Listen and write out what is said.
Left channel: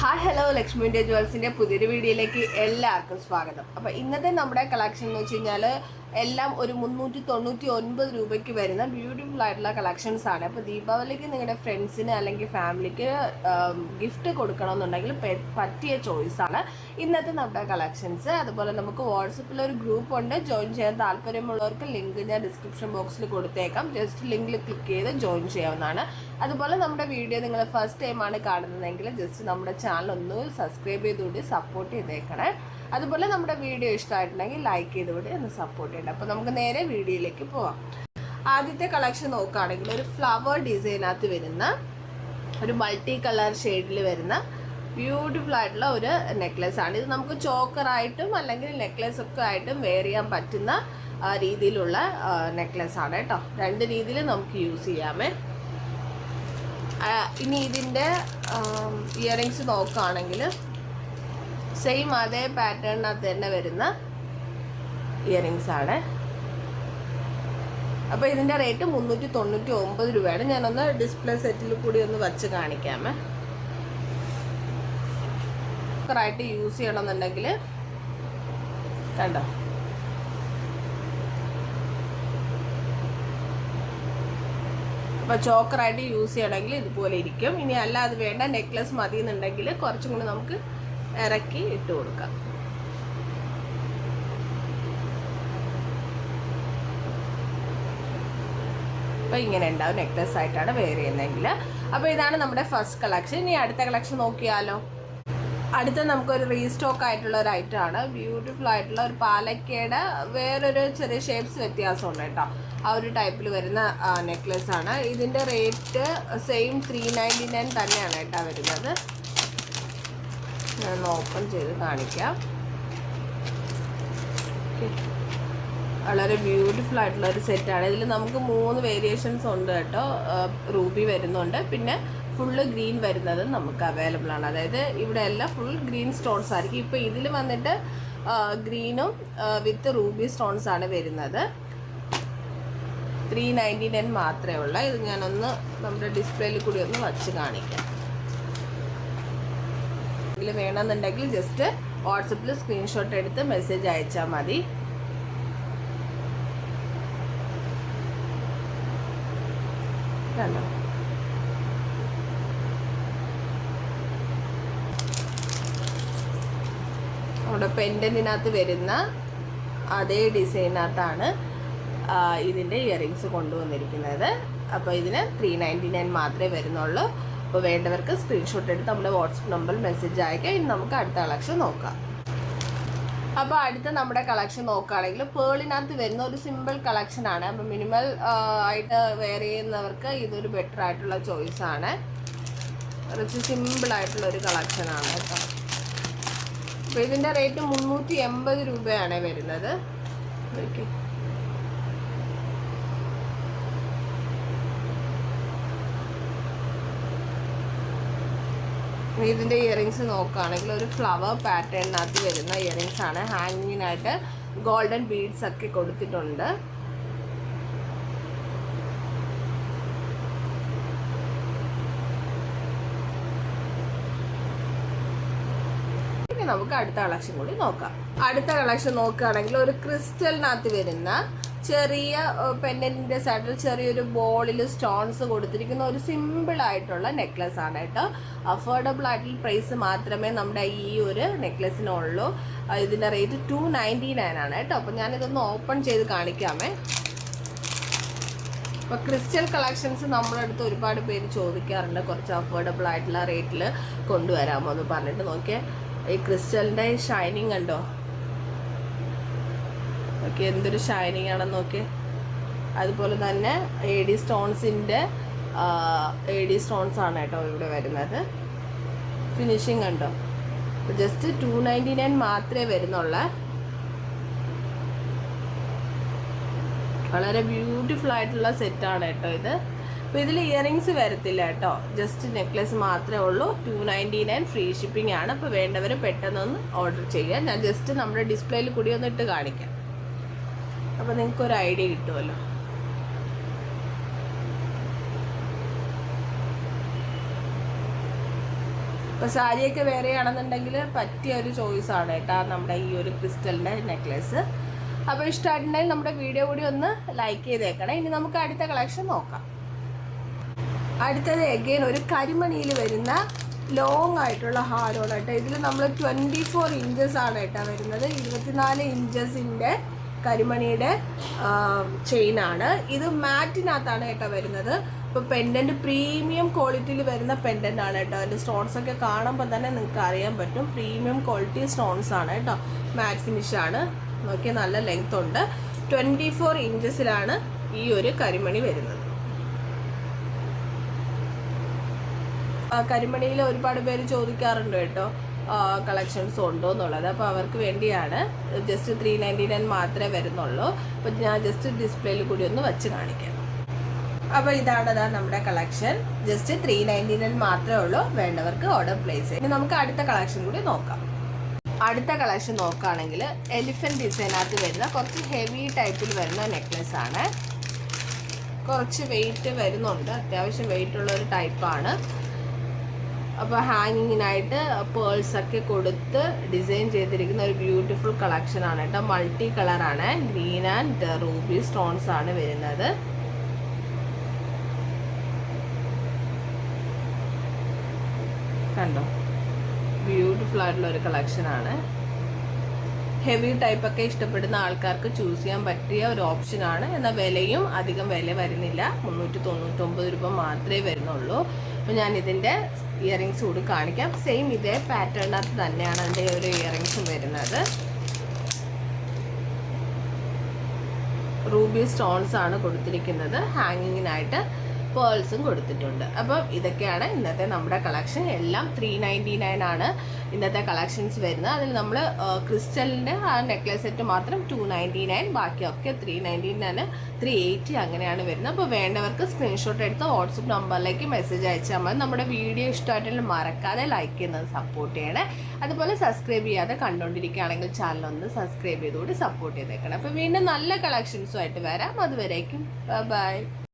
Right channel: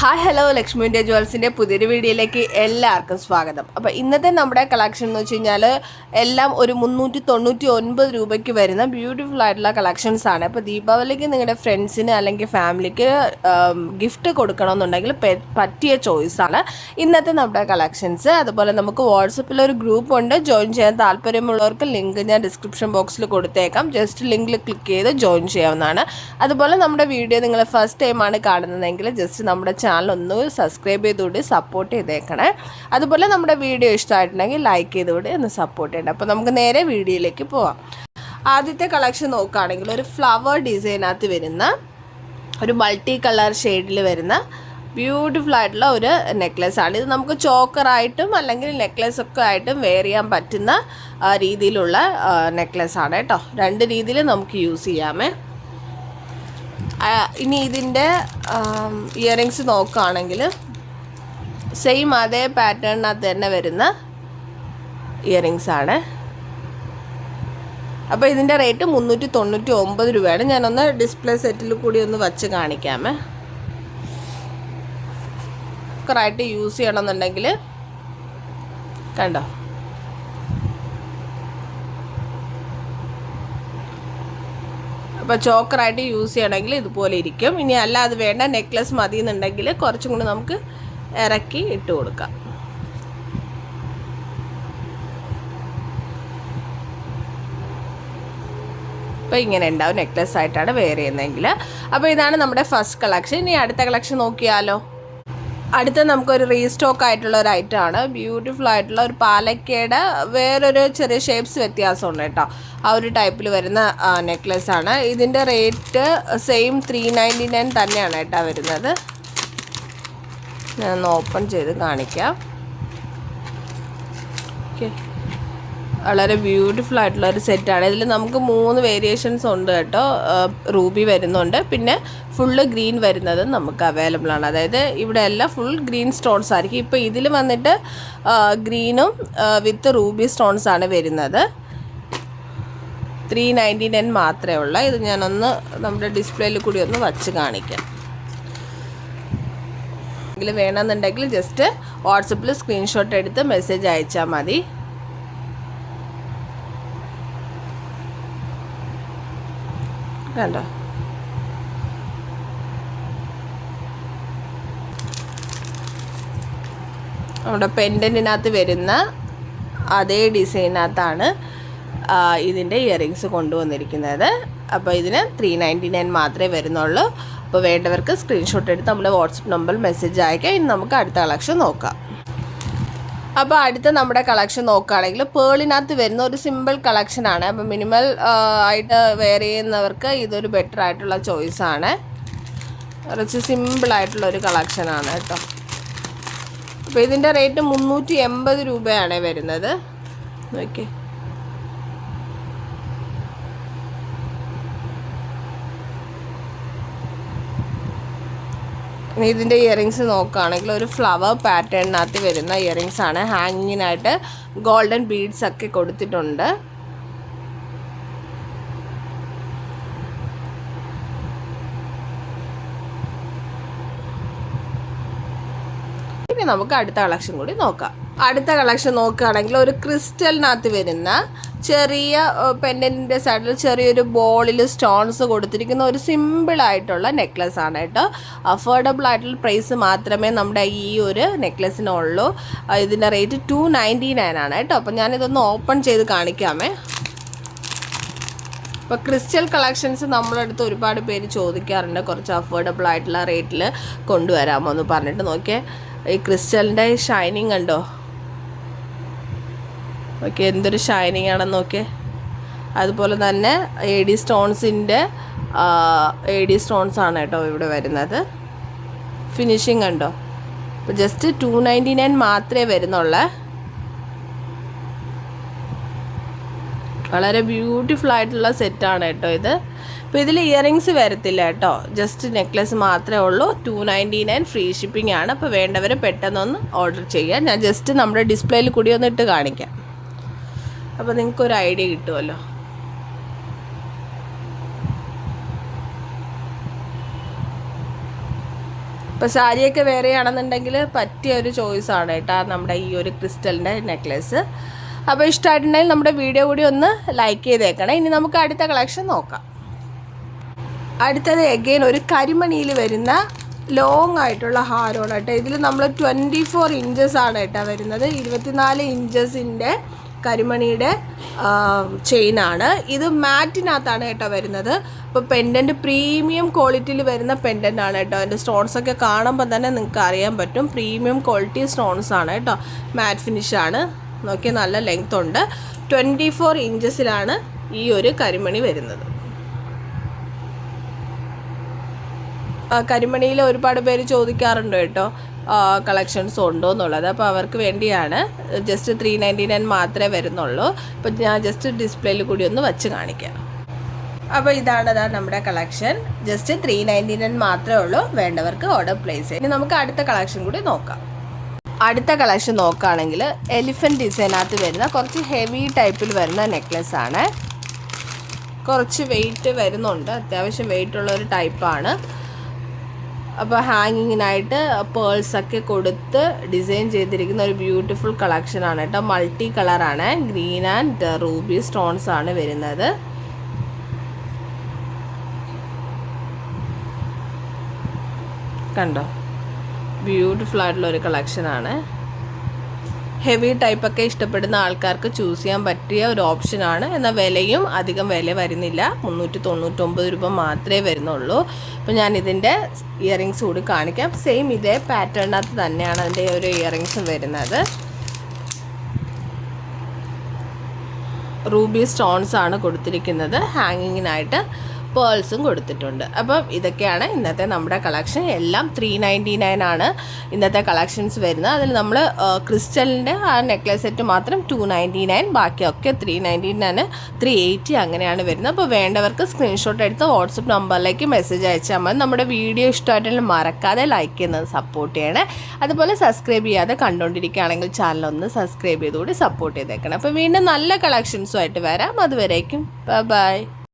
Hi hello Lakshmi India ജ്വൽസിൻ്റെ പുതിയൊരു വീഡിയോയിലേക്ക് എല്ലാവർക്കും സ്വാഗതം. അപ്പോൾ ഇന്നത്തെ നമ്മുടെ കളക്ഷൻ എന്ന് വെച്ച് കഴിഞ്ഞാൽ എല്ലാം ഒരു 399 രൂപയ്ക്ക് വരുന്ന ബ്യൂട്ടിഫുൾ ആയിട്ടുള്ള കളക്ഷൻസ് ആണ്. അപ്പോൾ ദീപാവലിക്ക് നിങ്ങളുടെ ഫ്രണ്ട്സിന് അല്ലെങ്കിൽ ഫാമിലിക്ക് ഗിഫ്റ്റ് കൊടുക്കണമെന്നുണ്ടെങ്കിൽ പറ്റിയ ചോയ്സാണ് ഇന്നത്തെ നമ്മുടെ കളക്ഷൻസ്. അതുപോലെ നമുക്ക് വാട്സപ്പിൽ ഒരു ഗ്രൂപ്പ് ഉണ്ട്, ജോയിൻ ചെയ്യാൻ താല്പര്യമുള്ളവർക്ക് ലിങ്ക് ഞാൻ ഡിസ്ക്രിപ്ഷൻ ബോക്സിൽ കൊടുത്തേക്കാം. ജസ്റ്റ് ലിങ്കിൽ ക്ലിക്ക് ചെയ്ത് ജോയിൻ ചെയ്യാവുന്നതാണ്. അതുപോലെ നമ്മുടെ വീഡിയോ നിങ്ങൾ ഫസ്റ്റ് ടൈമാണ് കാണുന്നതെങ്കിൽ ജസ്റ്റ് നമ്മുടെ ചാനൽ ഒന്ന് സബ്സ്ക്രൈബ് ചെയ്തുകൊണ്ട് സപ്പോർട്ട് ചെയ്തേക്കണേ. അതുപോലെ നമ്മുടെ വീഡിയോ ഇഷ്ടമായിട്ടുണ്ടെങ്കിൽ ലൈക്ക് ചെയ്തുകൊണ്ട് ഒന്ന് സപ്പോർട്ട് ചെയ്യണം. അപ്പോൾ നമുക്ക് നേരെ വീഡിയോയിലേക്ക് പോവാം. ആദ്യത്തെ കളക്ഷൻ നോക്കുകയാണെങ്കിൽ ഒരു ഫ്ലവർ ഡിസൈനകത്ത് വരുന്ന ഒരു മൾട്ടി കളർ ഷെയ്ഡിൽ വരുന്ന ബ്യൂട്ടിഫുൾ ആയിട്ടുള്ള ഒരു നെക്ലെസ് ആണ്. ഇത് നമുക്ക് ചോക്കറായിട്ടും അല്ലെങ്കിൽ നെക്ലെസ് ഒക്കെ ആയിട്ടും വെയർ ചെയ്യാൻ പറ്റുന്ന രീതിയിലുള്ള നെക്ലെസ് ആണ് കേട്ടോ. രണ്ട് രീതിയിൽ നമുക്ക് യൂസ് ചെയ്യാമേ. ഇനി ഇതിൻ്റെ ഇയറിങ്സ് നോക്കുകയാണെങ്കിൽ സെയിം അതേ പാറ്റേണിനകത്ത് തന്നെ വരുന്ന ഇയറിങ്സ് ആണ്. അപ്പോൾ ഇതിൻ്റെ റേറ്റ് 399 രൂപയാണ്. ഞാനൊന്ന് ഡിസ്പ്ലേ സെറ്റിൽ കൂടി ഒന്ന് വച്ച് കാണിക്കാമേ. ായിട്ട് യൂസ് ചെയ്യണമെന്നുണ്ടെങ്കിൽ കണ്ടോ, അപ്പോൾ ചോക്കറായിട്ട് യൂസ് ചെയ്യണമെങ്കിൽ ഇതുപോലെ ഇരിക്കും. ഇനി അല്ല അത് വേണ്ട നെക്ലസ് മതി എന്നുണ്ടെങ്കിൽ കുറച്ചും കൂടി നമുക്ക് ഇറക്കി ഇട്ട് കൊടുക്കാം. അപ്പോൾ ഇങ്ങനെ ഉണ്ടാവും നെക്ലസ് ആയിട്ടാണ് വെയർ ചെയ്യുന്നതെങ്കിൽ. അപ്പോൾ ഇതാണ് നമ്മുടെ ഫസ്റ്റ് കളക്ഷൻ. ഇനി അടുത്ത കളക്ഷൻ നോക്കിയാലോ. അടുത്ത നമുക്കൊരു റീസ്റ്റോക്ക് ആയിട്ടുള്ള ഒരു ഐറ്റമാണ്. ബ്യൂട്ടിഫുൾ ആയിട്ടുള്ള ഒരു പാലക്കയുടെ വേറൊരു ചെറിയ ഷേപ്സ് വ്യത്യാസമുണ്ട് കേട്ടോ. ആ ഒരു ടൈപ്പിൽ വരുന്ന നെക്ലെസ് ആണ്. ഇതിൻ്റെ റേറ്റ് സെയിം 399 തന്നെയാണ് കേട്ടോ വരുന്നത്. ഞാനൊന്ന് ഓപ്പൺ ചെയ്ത് കാണിക്കാം. ഓക്കെ, വളരെ ബ്യൂട്ടിഫുൾ ആയിട്ടുള്ള ഒരു സെറ്റാണ്. ഇതിൽ നമുക്ക് 3 വേരിയേഷൻസ് ഉണ്ട് കേട്ടോ. റൂബി വരുന്നുണ്ട്, പിന്നെ ഫുള്ള് ഗ്രീൻ വരുന്നത് നമുക്ക് അവൈലബിൾ ആണ്. അതായത് ഇവിടെ എല്ലാം ഫുൾ ഗ്രീൻ സ്റ്റോൺസ് ആയിരിക്കും. ഇപ്പോൾ ഇതിൽ വന്നിട്ട് ഗ്രീനും വിത്ത് റൂബി സ്റ്റോൺസ് ആണ് വരുന്നത്. 399 മാത്രമേ ഉള്ളൂ. ഇത് ഞാനൊന്ന് നമ്മുടെ ഡിസ്പ്ലേയിൽ കൂടി ഒന്ന് വച്ച് കാണിക്കാം. ഇതിൽ വേണമെന്നുണ്ടെങ്കിൽ ജസ്റ്റ് വാട്സപ്പിൽ സ്ക്രീൻഷോട്ട് എടുത്ത് മെസ്സേജ് അയച്ചാൽ മതി. കണ്ടോ, നമ്മുടെ പെൻഡൻറ്റിനകത്ത് വരുന്ന അതേ ഡിസൈനകത്താണ് ഇതിൻ്റെ ഇയറിങ്സ് കൊണ്ടുവന്നിരിക്കുന്നത്. അപ്പോൾ ഇതിന് 399 മാത്രമേ വരുന്നുള്ളൂ. അപ്പോൾ വേണ്ടവർക്ക് സ്ക്രീൻഷോട്ട് എടുത്ത് നമ്മുടെ വാട്സപ്പ് നമ്പറിൽ മെസ്സേജ് അയക്കാം. ഇനി നമുക്ക് അടുത്ത കളക്ഷൻ നോക്കാം. അപ്പോൾ അടുത്ത നമ്മുടെ കളക്ഷൻ നോക്കുകയാണെങ്കിൽ പേളിനകത്ത് വരുന്ന ഒരു സിമ്പിൾ കളക്ഷനാണ്. അപ്പോൾ മിനിമൽ ആയിട്ട് വെയർ ചെയ്യുന്നവർക്ക് ഇതൊരു ബെറ്റർ ആയിട്ടുള്ള ചോയ്സാണ്. കുറച്ച് സിമ്പിളായിട്ടുള്ളൊരു കളക്ഷനാണ് കേട്ടോ. അപ്പോൾ ഇതിൻ്റെ റേറ്റ് 380 രൂപയാണ് വരുന്നത്. ഓക്കെ, ഇതിൻ്റെ ഇയറിങ്സ് നോക്കുകയാണെങ്കിൽ ഒരു ഫ്ലവർ പാറ്റേണിനകത്ത് വരുന്ന ഇയറിങ്സ് ആണ്. ഹാങ്ങിങ്ങിനായിട്ട് ഗോൾഡൻ ബീഡ്സ് ഒക്കെ കൊടുത്തിട്ടുണ്ട്. ഇനി നമുക്ക് അടുത്ത കളക്ഷൻ കൂടി നോക്കാം. അടുത്ത കളക്ഷൻ നോക്കുകയാണെങ്കിൽ ഒരു ക്രിസ്റ്റലിനകത്ത് വരുന്ന ചെറിയ പെൻഡൻറ്റിൻ്റെ സൈഡിൽ ചെറിയൊരു ബോളിൽ സ്റ്റോൺസ് കൊടുത്തിരിക്കുന്ന ഒരു സിമ്പിളായിട്ടുള്ള നെക്ലസ് ആണ് കേട്ടോ. അഫോർഡബിൾ ആയിട്ടുള്ള പ്രൈസ് മാത്രമേ നമ്മുടെ ഈ ഒരു നെക്ലസിനുള്ളൂ. ഇതിൻ്റെ റേറ്റ് 299 ആണ് കേട്ടോ. അപ്പോൾ ഞാനിതൊന്ന് ഓപ്പൺ ചെയ്ത് കാണിക്കാമേ. അപ്പോൾ ക്രിസ്റ്റൽ കളക്ഷൻസ് നമ്മുടെ അടുത്ത് ഒരുപാട് പേര് ചോദിക്കാറുണ്ട്, കുറച്ച് അഫോർഡബിൾ ആയിട്ടുള്ള റേറ്റിൽ കൊണ്ടുവരാമോ എന്ന് പറഞ്ഞിട്ട്. നോക്കിയേ, ഈ ക്രിസ്റ്റലിൻ്റെ ഷൈനിങ് കണ്ടോ. ഓക്കെ, എന്തൊരു ഷൈനിങ് ആണെന്ന് നോക്കിയേ. അതുപോലെ തന്നെ AD സ്റ്റോൺസിൻ്റെ AD സ്റ്റോൺസ് ആണ് കേട്ടോ ഇവിടെ വരുന്നത്. ഫിനിഷിങ് കണ്ടോ. അപ്പോൾ ജസ്റ്റ് 299 മാത്രമേ വരുന്നുള്ളൂ. വളരെ ബ്യൂട്ടിഫുൾ ആയിട്ടുള്ള സെറ്റാണ് കേട്ടോ ഇത്. അപ്പോൾ ഇതിൽ ഇയറിങ്സ് വരത്തില്ല കേട്ടോ, ജസ്റ്റ് നെക്ലെസ് മാത്രമേ ഉള്ളൂ. 299 ഫ്രീ ഷിപ്പിംഗ് ആണ്. അപ്പോൾ വേണ്ടവർ പെട്ടെന്നൊന്ന് ഓർഡർ ചെയ്യുക. ഞാൻ ജസ്റ്റ് നമ്മുടെ ഡിസ്പ്ലേയിൽ കൂടി ഒന്ന് ഇട്ട് കാണിക്കാം. അപ്പോൾ നിങ്ങൾക്കൊരു ഐഡിയ കിട്ടുമല്ലോ. ഇപ്പോൾ സാരിയൊക്കെ വേറെ ആണെന്നുണ്ടെങ്കിൽ പറ്റിയ ഒരു ചോയ്സാണ് കേട്ടോ നമ്മുടെ ഈ ഒരു ക്രിസ്റ്റലിൻ്റെ നെക്ലേസ്. അപ്പോൾ ഇഷ്ടമായിട്ടുണ്ടെങ്കിൽ നമ്മുടെ വീഡിയോ കൂടി ഒന്ന് ലൈക്ക് ചെയ്തേക്കണം. ഇനി നമുക്ക് അടുത്ത കളക്ഷൻ നോക്കാം. അടുത്തത് എഗെയിൻ ഒരു കരിമണിയിൽ വരുന്ന ലോങ് ആയിട്ടുള്ള ഹാരമാണ് കേട്ടോ. ഇതിൽ നമ്മൾ 24 ഇഞ്ചസ് ആണ് കേട്ടോ വരുന്നത്. 24 ഇഞ്ചസിൻ്റെ കരിമണിയുടെ ചെയിനാണ്. ഇത് മാറ്റിനകത്താണ് കേട്ടോ വരുന്നത്. അപ്പോൾ പെൻഡൻറ്റ് പ്രീമിയം ക്വാളിറ്റിയിൽ വരുന്ന പെൻഡൻ്റ് ആണ് കേട്ടോ. അതിൻ്റെ സ്റ്റോൺസൊക്കെ കാണുമ്പോൾ തന്നെ നിങ്ങൾക്ക് അറിയാൻ പറ്റും പ്രീമിയം ക്വാളിറ്റി സ്റ്റോൺസ് ആണ് കേട്ടോ. മാറ്റ് ഫിനിഷാണ്. നോക്കി നല്ല ലെങ്ത് ഉണ്ട്. 24 ഇഞ്ചസിലാണ് ഈ ഒരു കരിമണി വരുന്നത്. കരിമണിയിൽ ഒരുപാട് പേര് ചോദിക്കാറുണ്ട് കേട്ടോ കളക്ഷൻസ് ഉണ്ടോ എന്നുള്ളത്. അപ്പോൾ അവർക്ക് വേണ്ടിയാണ്. ജസ്റ്റ് 399 മാത്രമേ വരുന്നുള്ളൂ. അപ്പോൾ ഞാൻ ജസ്റ്റ് ഡിസ്പ്ലേയിൽ കൂടി ഒന്ന് വച്ച് കാണിക്കാം. അപ്പോൾ ഇതാണ് നമ്മുടെ കളക്ഷൻ. ജസ്റ്റ് 399 മാത്രമേ ഉള്ളൂ. വേണ്ടവർക്ക് ഓർഡർ പ്ലേസ് ചെയ്യും. ഇനി നമുക്ക് അടുത്ത കളക്ഷൻ കൂടി നോക്കാം. അടുത്ത കളക്ഷൻ നോക്കുകയാണെങ്കിൽ എലിഫൻറ്റ് ഡിസൈനകത്ത് വരുന്ന കുറച്ച് ഹെവി ടൈപ്പിൽ വരുന്ന നെക്ലെസ് ആണ്. കുറച്ച് വെയിറ്റ് വരുന്നുണ്ട്. അത്യാവശ്യം വെയിറ്റുള്ള ഒരു ടൈപ്പാണ്. അപ്പോൾ ഹാങ്ങിങ്ങിനായിട്ട് പേൾസൊക്കെ കൊടുത്ത് ഡിസൈൻ ചെയ്തിരിക്കുന്ന ഒരു ബ്യൂട്ടിഫുൾ കളക്ഷനാണ് കേട്ടോ. മൾട്ടി കളറാണ്. ഗ്രീൻ ആൻഡ് റൂബി സ്റ്റോൺസ് ആണ് വരുന്നത്. കണ്ടോ, ബ്യൂട്ടിഫുൾ ആയിട്ടുള്ള ഒരു കളക്ഷനാണ്. ഹെവി ടൈപ്പൊക്കെ ഇഷ്ടപ്പെടുന്ന ആൾക്കാർക്ക് ചൂസ് ചെയ്യാൻ പറ്റിയ ഒരു ഓപ്ഷനാണ്. എന്നാൽ വിലയും അധികം വില വരുന്നില്ല. 399 രൂപ മാത്രമേ വരുന്നുള്ളൂ. അപ്പോൾ ഞാൻ ഇതിൻ്റെ ഇയറിങ്സ് കൂടി കാണിക്കാം. സെയിം ഇതേ പാറ്റേണിനകത്ത് തന്നെയാണ് അതിൻ്റെ ഒരു ഇയറിങ്സും വരുന്നത്. റൂബി സ്റ്റോൺസ് ആണ് കൊടുത്തിരിക്കുന്നത്. ഹാങ്ങിങ്ങിനായിട്ട് പേൾസും കൊടുത്തിട്ടുണ്ട്. അപ്പം ഇതൊക്കെയാണ് ഇന്നത്തെ നമ്മുടെ കളക്ഷൻ. എല്ലാം 399 ആണ് ഇന്നത്തെ കളക്ഷൻസ് വരുന്നത്. അതിൽ നമ്മൾ ക്രിസ്റ്റലിൻ്റെ ആ നെക്ലേസ് സെറ്റ് മാത്രം 299, ബാക്കിയൊക്കെ 399, 380 അങ്ങനെയാണ് വരുന്നത്. അപ്പോൾ വേണ്ടവർക്ക് സ്ക്രീൻഷോട്ട് എടുത്ത് വാട്സപ്പ് നമ്പറിലേക്ക് മെസ്സേജ് അയച്ചാൽ മതി. നമ്മുടെ വീഡിയോ ഇഷ്ടമായിട്ടുണ്ടെങ്കിൽ മറക്കാതെ ലൈക്ക് ചെയ്യുന്നത് സപ്പോർട്ട് ചെയ്യണേ. അതുപോലെ സബ്സ്ക്രൈബ് ചെയ്യാതെ കണ്ടുകൊണ്ടിരിക്കുകയാണെങ്കിൽ ചാനലൊന്ന് സബ്സ്ക്രൈബ് ചെയ്തുകൂടി സപ്പോർട്ട് ചെയ്തേക്കണം. അപ്പോൾ വീണ്ടും നല്ല കളക്ഷൻസുമായിട്ട് വരാം. അതുവരേക്കും ബൈ.